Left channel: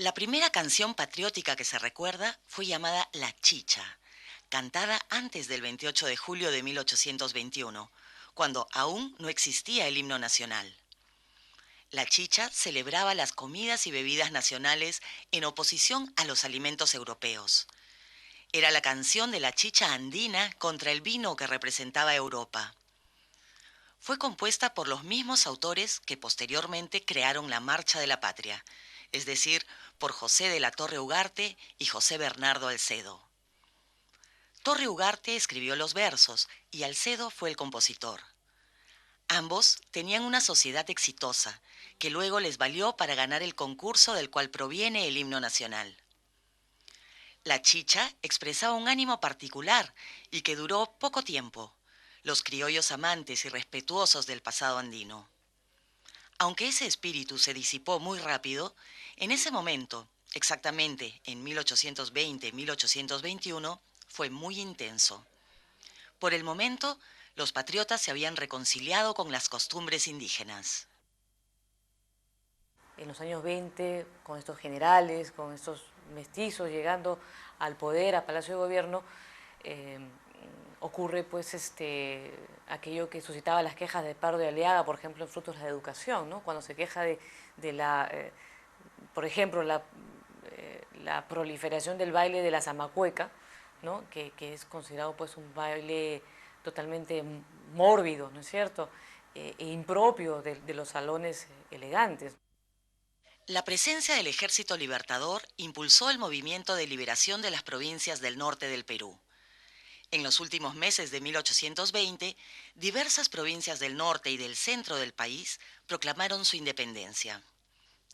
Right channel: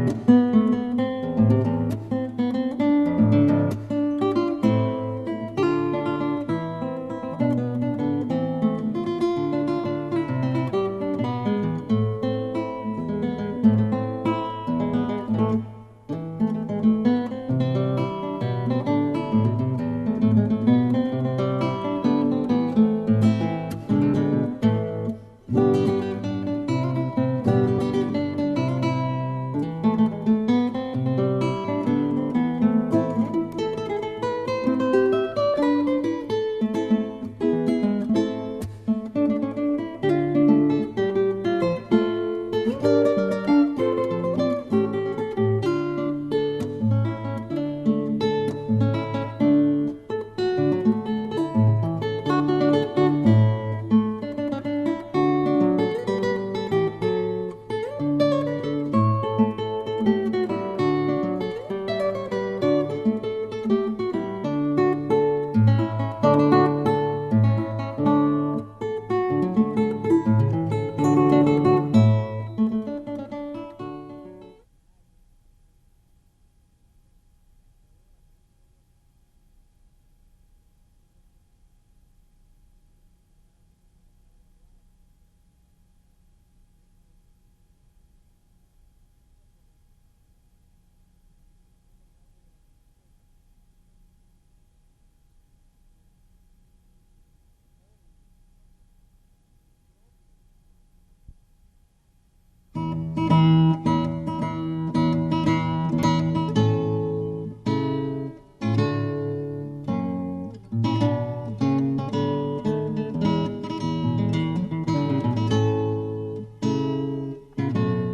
La primera canción patriótica que se recuerda fue llamada La Chicha, cantada antes del 28 de julio de 1821, cuando aún no existía el himno nacional. La chicha celebraba las comidas y bebidas nacionales en oposición a los alimentos europeos. Era la canción de la chicha andina contra el vino que representaba Europa. Fue compuesta por los mismos autores que posteriormente crearon la Marcha de la Patria, es decir, por José de la Torre Ugarte y José Bernardo Alcedo. Torre Ugarte escribió los versos y Alcedo fue el compositor. Ambos tenían una sociedad exitosa que luego les valió para ganar el concurso del cual proviene el himno nacional. La chicha expresaba un ánimo particular y que duró poco tiempo. Los criollos amantes y respetuosos del pasado andino. Aunque ese espíritu se disipó muy rápido, en ese momento, exactamente en 1820-1821, fue muy intenso. Por el momento, los patriotas se habían reconciliado con las costumbres indígenas. En los años 20, con estos generales, con estos mestizos llegando al poder, a Palacio de Gobierno, ocurre pues aquello que suscitaba las quejas de Pardo de Aliaga, por ejemplo, en Frutos de la Educación, ¿no? Cuando se queja de la, por ejemplo, la proliferación del baile de la zamacueca, ¿no? que es considerado pues un baile totalmente mórbido, ¿no es cierto?, e impropio de los salones elegantes. La presencia del Ejército Libertador impulsó el movimiento de liberación de las provincias del norte del Perú. En los últimos meses de 1820, diversas provincias del norte y del centro del país proclamaron su independencia,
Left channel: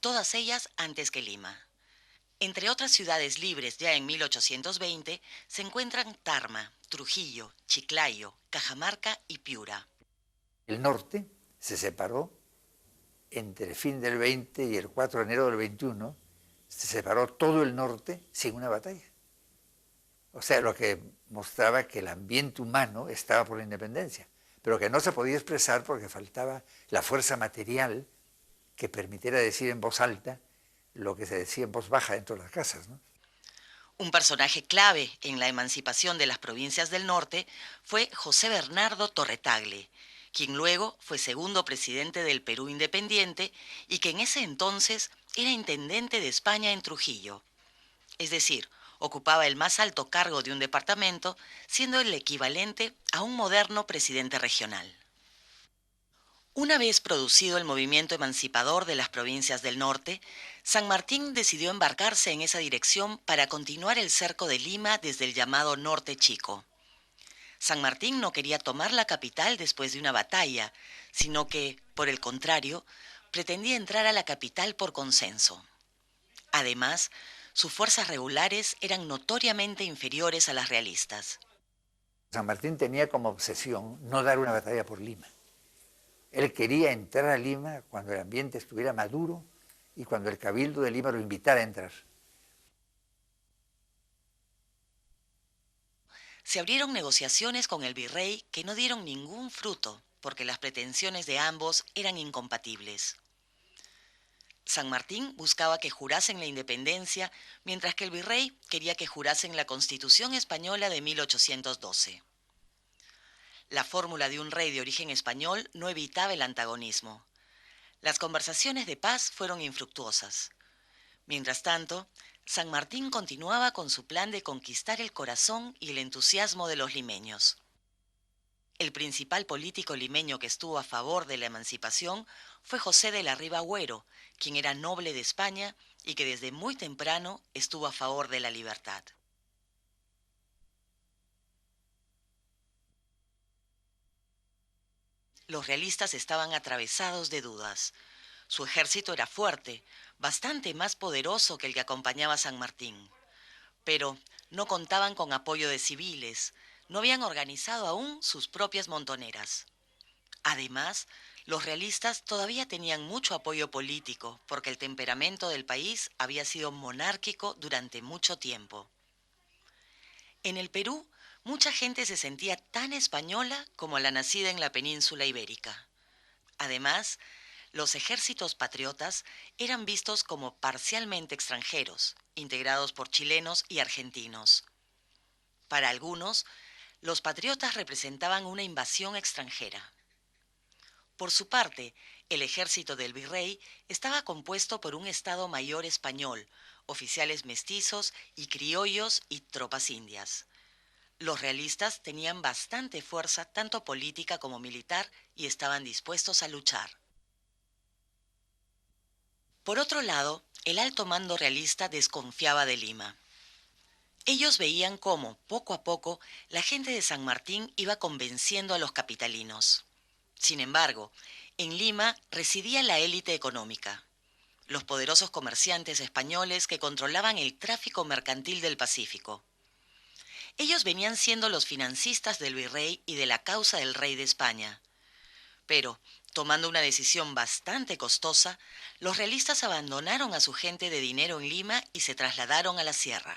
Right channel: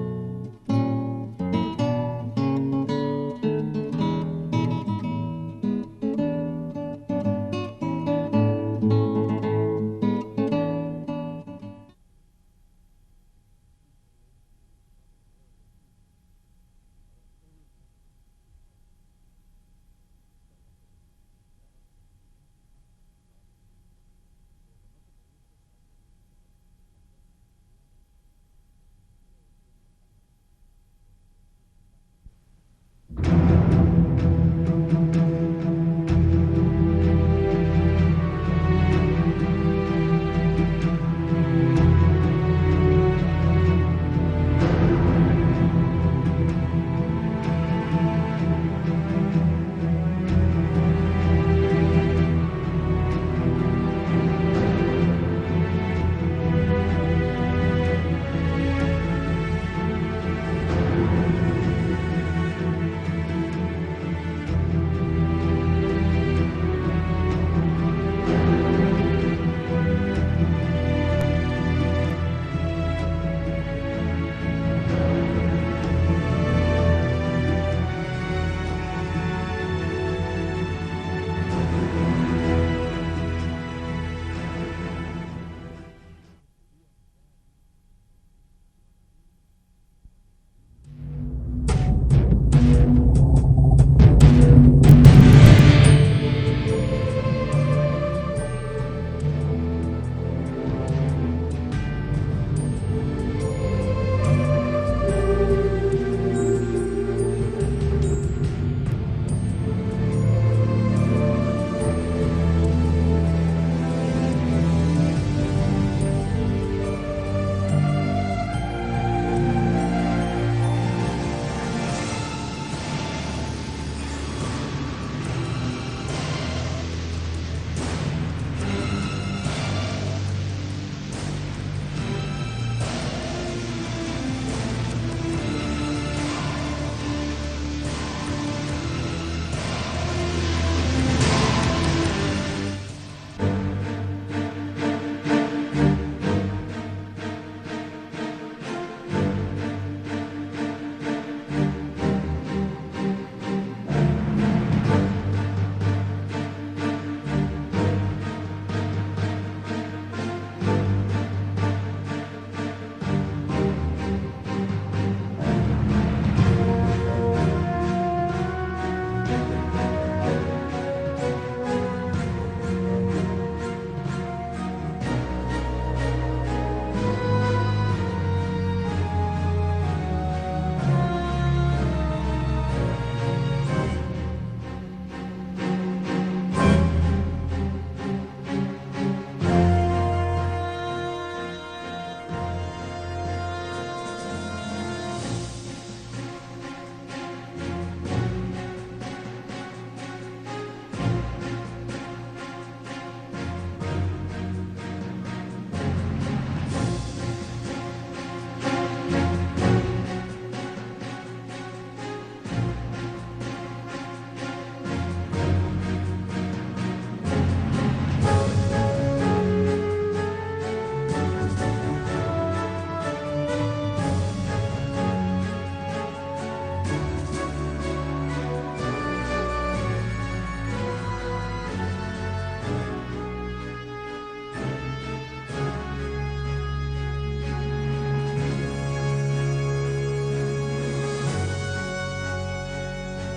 todas ellas antes que Lima. Entre otras ciudades libres ya en 1820 se encuentran Tarma, Trujillo, Chiclayo, Cajamarca y Piura. El norte se separó entre el fin del 20 y el 4 de enero del 21, se separó todo el norte sin una batalla. O sea, lo que mostraba que el ambiente humano estaba por la independencia, pero que no se podía expresar porque faltaba la fuerza material que permitiera decir en voz alta lo que se decía en voz baja dentro de las casas, ¿no? Un personaje clave en la emancipación de las provincias del norte fue José Bernardo Torretagle, quien luego fue segundo presidente del Perú Independiente y que en ese entonces era intendente de España en Trujillo. Es decir, ocupaba el más alto cargo de un departamento, siendo el equivalente a un moderno presidente regional. Una vez producido el movimiento emancipador de las provincias del norte, San Martín decidió embarcarse en esa dirección para continuar el cerco de Lima desde el llamado Norte Chico. San Martín no quería tomar la capital después de una batalla, sino que, por el contrario, pretendía entrar a la capital por consenso. Además, sus fuerzas regulares eran notoriamente inferiores a las realistas. San Martín tenía como obsesión no dar una batalla por Lima. Él quería entrar a Lima cuando el ambiente estuviera maduro y cuando el Cabildo de Lima lo invitara a entrar. Se abrieron negociaciones con el virrey que no dieron ningún fruto porque las pretensiones de ambos eran incompatibles. San Martín buscaba que jurasen la independencia, mientras que el virrey quería que jurasen la Constitución Española de 1812. La fórmula de un rey de origen español no evitaba el antagonismo. Las conversaciones de paz fueron infructuosas. Mientras tanto, San Martín continuaba con su plan de conquistar el corazón y el entusiasmo de los limeños. El principal político limeño que estuvo a favor de la emancipación fue José de la Riva Agüero, quien era noble de España y que desde muy temprano estuvo a favor de la libertad. Los realistas estaban atravesados de dudas. Su ejército era fuerte, bastante más poderoso que el que acompañaba a San Martín. Pero no contaban con apoyo de civiles, no habían organizado aún sus propias montoneras. Además, los realistas todavía tenían mucho apoyo político porque el temperamento del país había sido monárquico durante mucho tiempo. En el Perú, mucha gente se sentía tan española como la nacida en la península ibérica. Además, los ejércitos patriotas eran vistos como parcialmente extranjeros chilenos y argentinos. Para algunos, los patriotas representaban una invasión extranjera. Por su parte, el ejército del virrey estaba compuesto por un Estado Mayor español, oficiales mestizos y criollos y tropas indias. Los realistas tenían bastante fuerza, tanto política como militar, y estaban dispuestos a luchar. Por otro lado, el alto mando realista desconfiaba de Lima. Ellos veían cómo, poco a poco, la gente de San Martín iba convenciendo a los capitalinos. Sin embargo, en Lima residía la élite económica, los poderosos comerciantes españoles que controlaban el tráfico mercantil del Pacífico. Ellos venían siendo los financistas del virrey y de la causa del rey de España. Pero, tomando una decisión bastante costosa, los realistas abandonaron a su gente de dinero en Lima y se trasladaron a la sierra.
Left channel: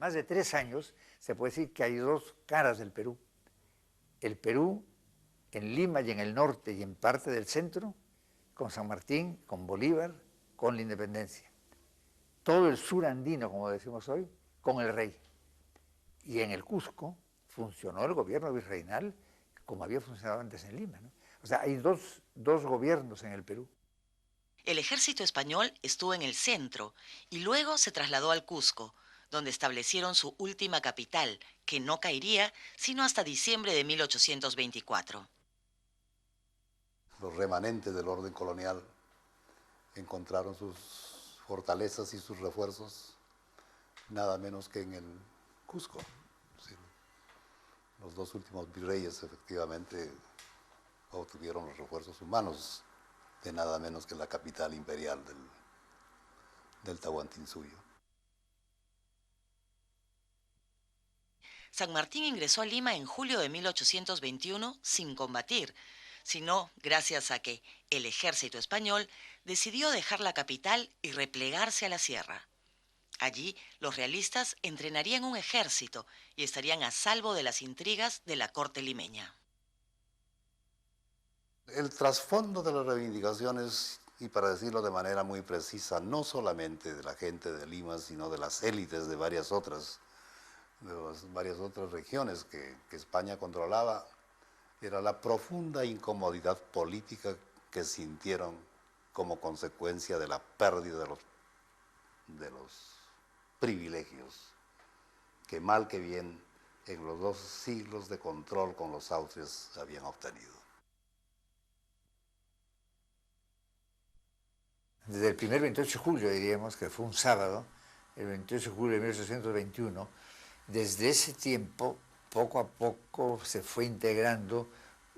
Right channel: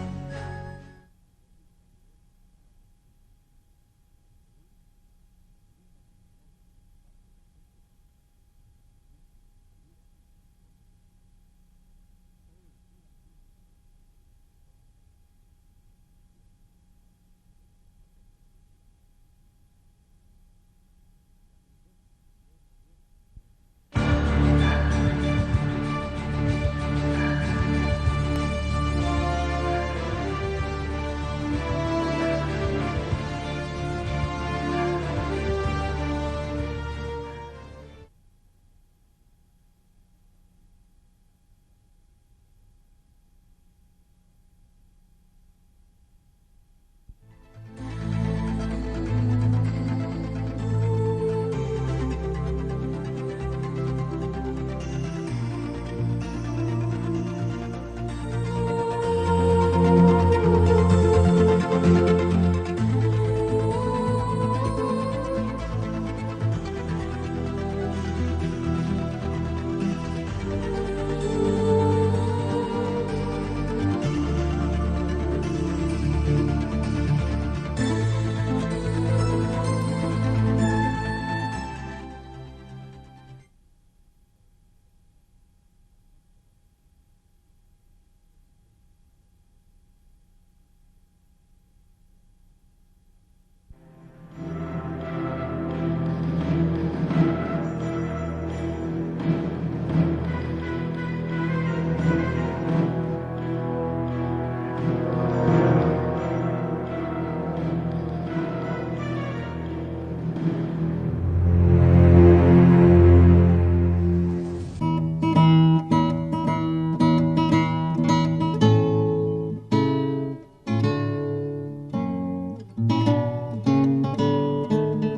Más de 3 años se puede decir que hay dos caras del Perú. El Perú en Lima y en el norte y en parte del centro, con San Martín, con Bolívar, con la independencia. Todo el sur andino, como decimos hoy, con el rey. Y en el Cusco funcionó el gobierno virreinal como había funcionado antes en Lima, ¿no? O sea, hay dos gobiernos en el Perú. El ejército español estuvo en el centro y luego se trasladó al Cusco, donde establecieron su última capital, que no caería sino hasta diciembre de 1824. Los remanentes del orden colonial encontraron sus fortalezas y sus refuerzos nada menos que en el Cusco. Sí. Los reyes urbanos, que nada menos que en la capital imperial del Tehuantepec. San Martín ingresó a Lima en julio de 1821 sin combatir, sino gracias a que el ejército español decidió dejar la capital y replegarse a la sierra. Allí, los realistas entrenarían un ejército y estarían a salvo de las intrigas de la corte limeña. El trasfondo de las reivindicaciones, y para decirlo de manera muy precisa, no solamente de la gente de Lima, sino de las élites de varias otras regiones que España controlaba, era la profunda incomodidad política que sintieron como consecuencia de la pérdida de privilegios que más de bien los siglos de control con los autres habían obtenido. Desde el primer 28 de julio, diríamos que fue un sábado, el 28 de julio de 1821, desde ese tiempo, poco a poco se fue integrando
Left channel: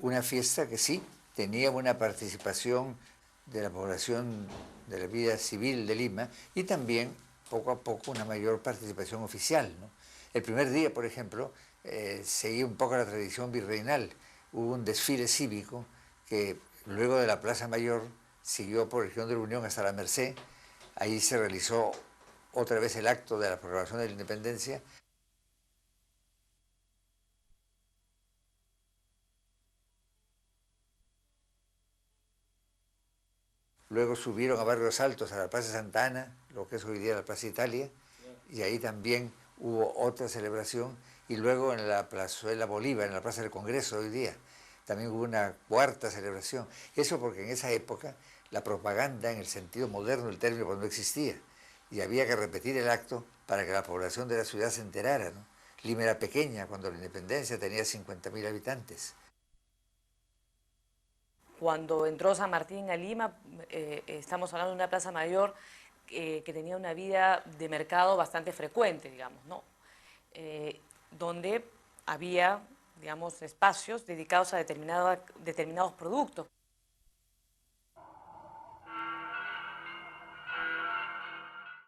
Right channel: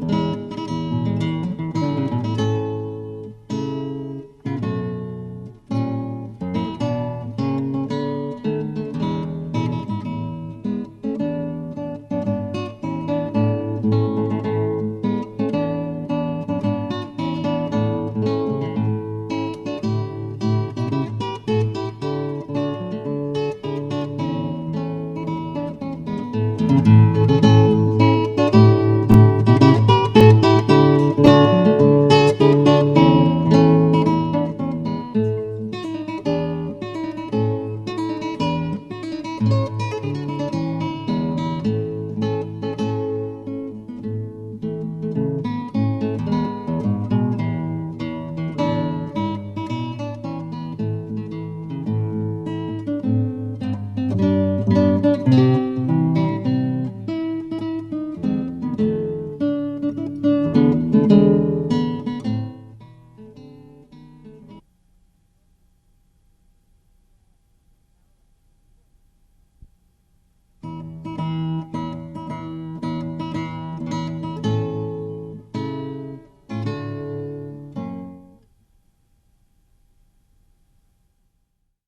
una fiesta que sí tenía una participación de la población de la vida civil de Lima y también poco a poco una mayor participación oficial. El primer día, por ejemplo, seguí un poco la tradición virreinal, hubo un desfile cívico que luego de la Plaza Mayor siguió por el Región de la Unión hasta la Merced. Ahí se realizó otra vez el acto de la proclamación de la independencia. Altos a la Plaza Santa Ana, lo que es hoy día la Plaza Italia, y ahí también hubo otra celebración, y luego en la Plazuela Bolívar, en la Plaza del Congreso hoy día, también hubo una cuarta celebración. Eso porque en esa época la propaganda en el sentido moderno del término no existía, y había que repetir el acto para que la población de la ciudad se enterara. Lima era pequeña, cuando la independencia tenía 50.000 habitantes. Cuando entró San Martín a Lima, estamos hablando de una plaza mayor que tenía una vida de mercado bastante frecuente, digamos, ¿no? Donde había, digamos, espacios dedicados a determinados productos.